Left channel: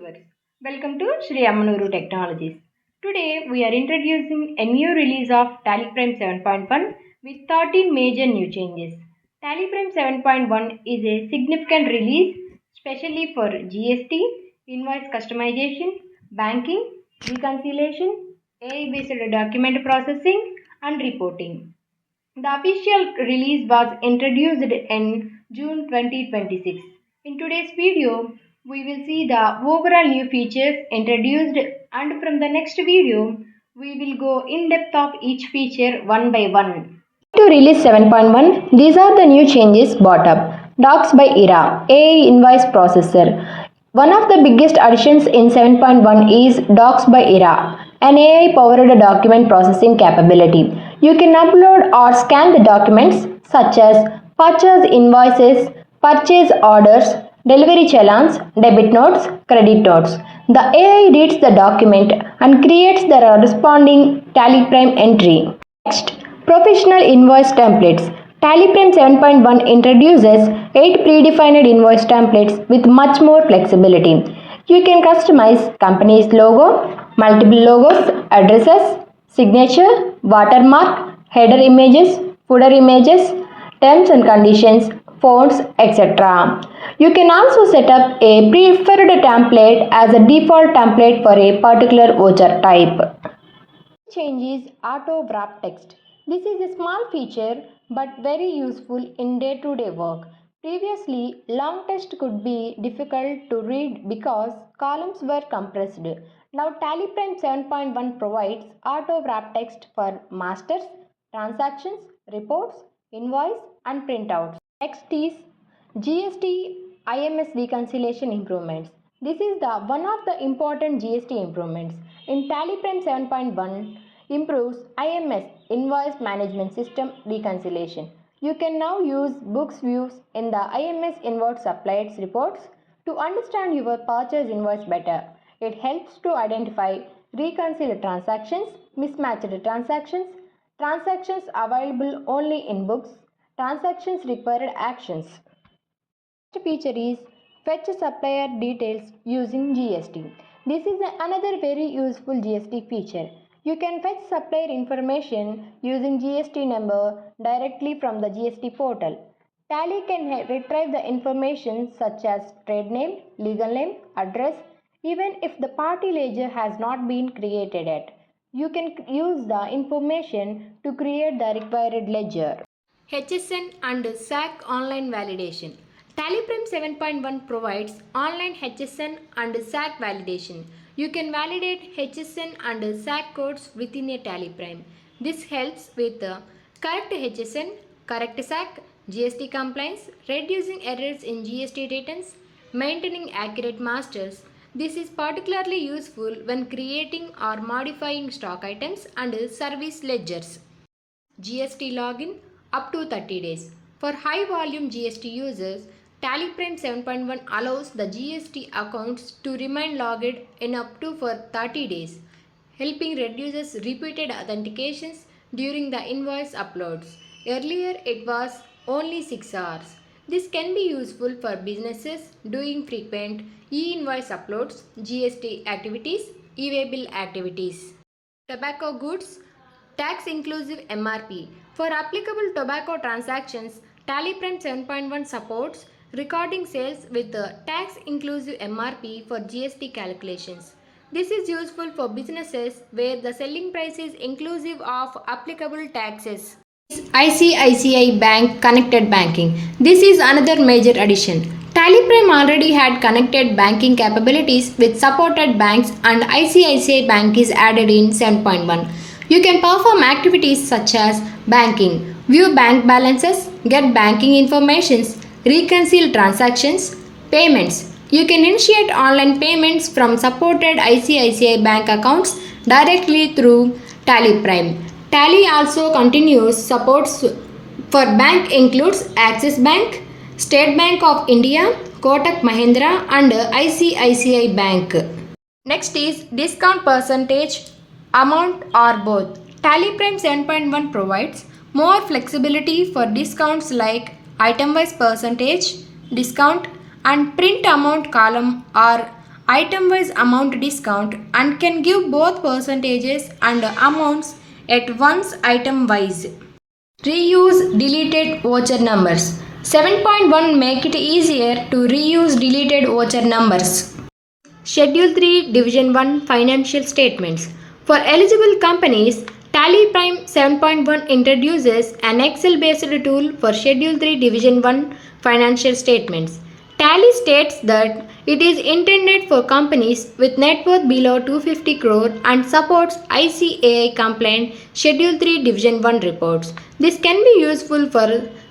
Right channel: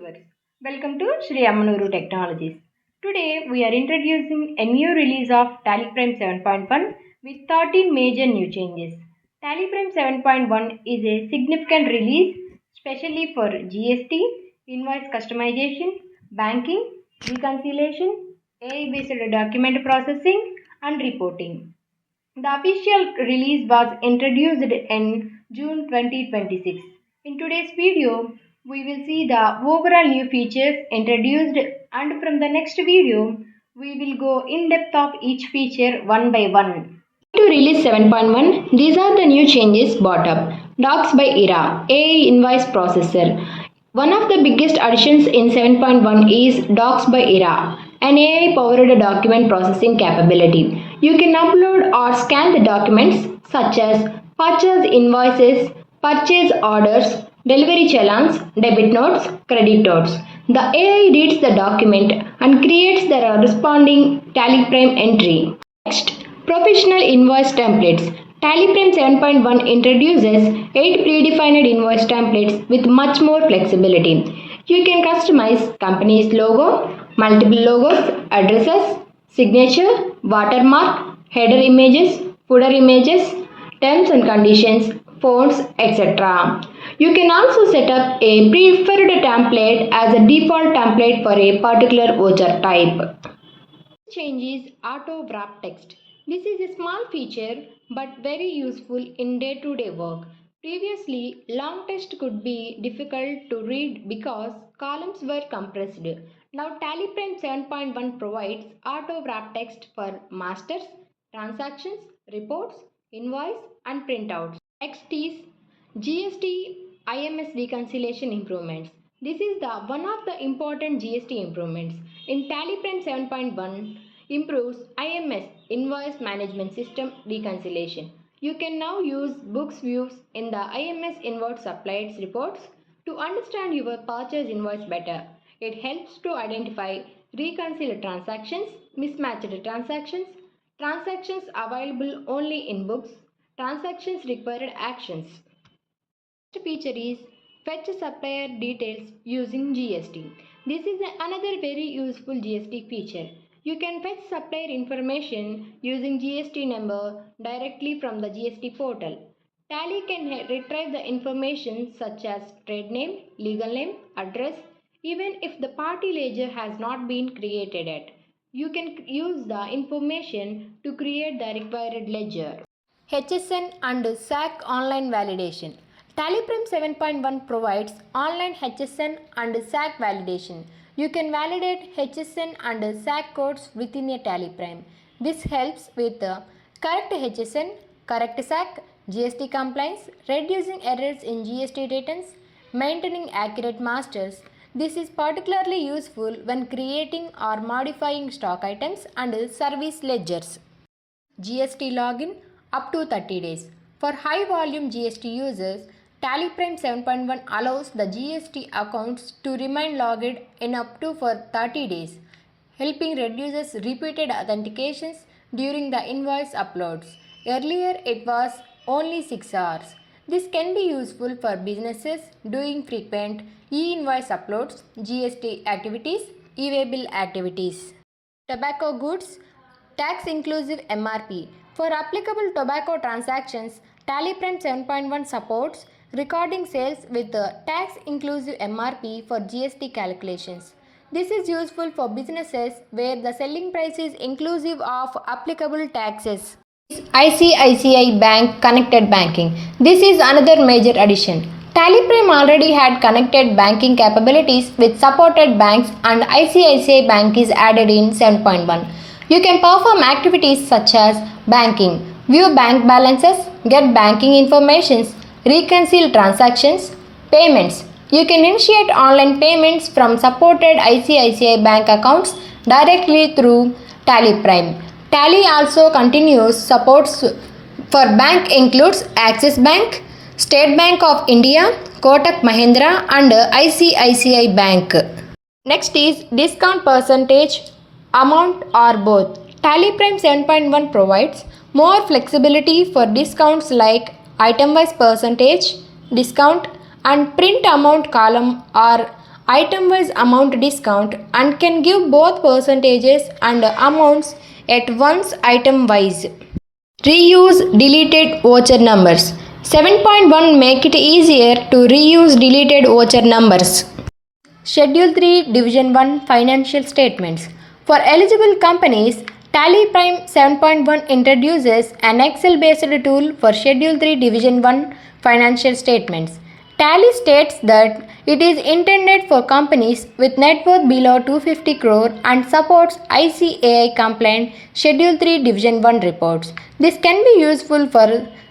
Viewers. Welcome to Shri Ammanuru Technologies. Today we are introducing a new release of TallyPrime 7.1 with 13 major new changes. TallyPrime 7.1 is a significant release especially for GST, invoice customization, banking, reconciliation, AI-based document processing and reporting. The official release was introduced in June 2026. In today's video, we will see the overall new features introduced, and from the next video, we will go in depth of each feature one by one. To release 7.1, these are the new changes brought up. Docs by ERA, AI invoice processor. One of the biggest additions in 7.1 is Docs by ERA, an AI-powered document processing capability. You can upload or scan the documents such as purchase invoices, purchase orders, delivery challans, debit notes, credit notes. The AI reads the document and creates the corresponding TallyPrime entry. Next, professional invoice templates. TallyPrime 7.1 introduces 8 predefined invoice templates with much more flexibility. You can customize company's logo, multiple logos, addresses, signature, watermark, header images, footer images, terms and conditions, fonts, etc. You can also set up a preferred template as a default template for a particular voucher type. Change is auto wrap text. This is a small feature but very useful in day-to-day work. Previously, long text could be difficult to read because columns were compressed. Now TallyPrime 7.1 provides auto wrap text for masters, transactions, reports, invoice and printouts. Next is GST IMS reconciliation improvements. This is the one of the important GST improvements. In TallyPrime 7.1 improves IMS invoice management system reconciliation. You can now use books views in the IMS invoice suppliers reports to understand your purchase invoice better. It helps to identify reconciled transactions, mismatched transactions, transactions available only in books, transactions required actions. Next feature is fetch supplier details using GST. This is another very useful GST feature. You can fetch supplier information using GST number directly from the GST portal. Tally can retrieve the information such as trade name, legal name, address, even if the party ledger has not been created yet. You can use the information to create the required ledger. HSN and SAC online validation. TallyPrime 7.1 provides online HSN and SAC validation. You can validate HSN and SAC codes within a TallyPrime. This helps with correct HSN, correct SAC, GST compliance, reducing errors in GST returns, maintaining accurate masters. This is particularly useful when creating or modifying stock items and service ledgers. GST login up to 30 days. For high volume GST users, TallyPrime 7.1 allows the GST accounts to remain logged in up to for 30 days, helping reduces repeated authentications during the invoice uploads. Earlier it was only 6 hours. This can be useful for businesses doing frequent e-invoice uploads, GST activities, e-waybill activities. Tobacco goods tax inclusive MRP. For applicable tobacco transactions, TallyPrime 7.1 supports recording sales with tax inclusive MRP for GST calculations. This is useful for businesses where the selling price is inclusive of applicable taxes. ICICI Bank Connected Banking. This is another major addition. TallyPrime already had connected banking capabilities with supported banks, and ICICI Bank is added in 7.1. You can perform activities such as banking, view bank balances, get banking information, reconcile transactions, payments. You can initiate online payments from supported ICICI Bank accounts directly through TallyPrime. Tally also continues supports for bank includes Axis Bank, State Bank of India, Kotak Mahindra and ICICI Bank. Next is discount percentage, amount or both. TallyPrime 7.1 provides more flexibility for discounts like item-wise percentage, discount and print amount column or item-wise amount discount and can give both percentages and amounts at once item-wise. Reuse deleted voucher numbers. 7.1 make it easier to reuse deleted voucher numbers. Schedule 3 Division 1 Financial Statements. For eligible companies, TallyPrime 7.1 introduces an Excel-based tool for Schedule 3 Division 1 Financial Statements. Tally states that it is intended for companies with net worth below 250 crore and supports ICICI compliant Schedule 3 Division 1 reports. This can be useful for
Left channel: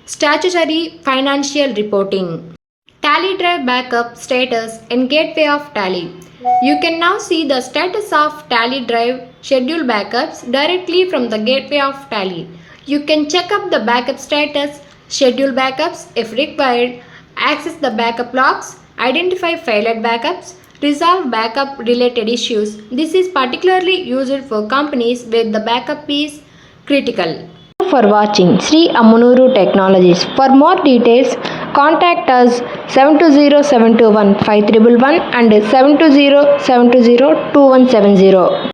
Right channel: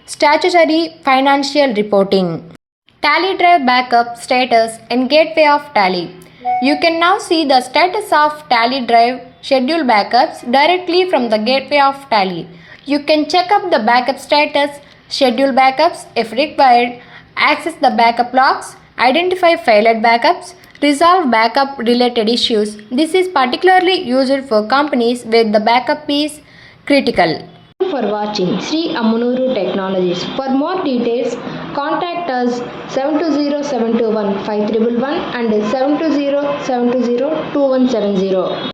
statutory financial reporting. Tally Drive backup status and gateway of Tally. You can now see the status of Tally Drive schedule backups directly from the gateway of Tally. You can check up the backup status, schedule backups if required, access the backup logs, identify failed backups, resolve backup related issues. This is particularly used for companies where the backup is critical. Thank you for watching Sri Ammunuru Technologies. For more details, contact us 720-721-5111 and 720-720-2170.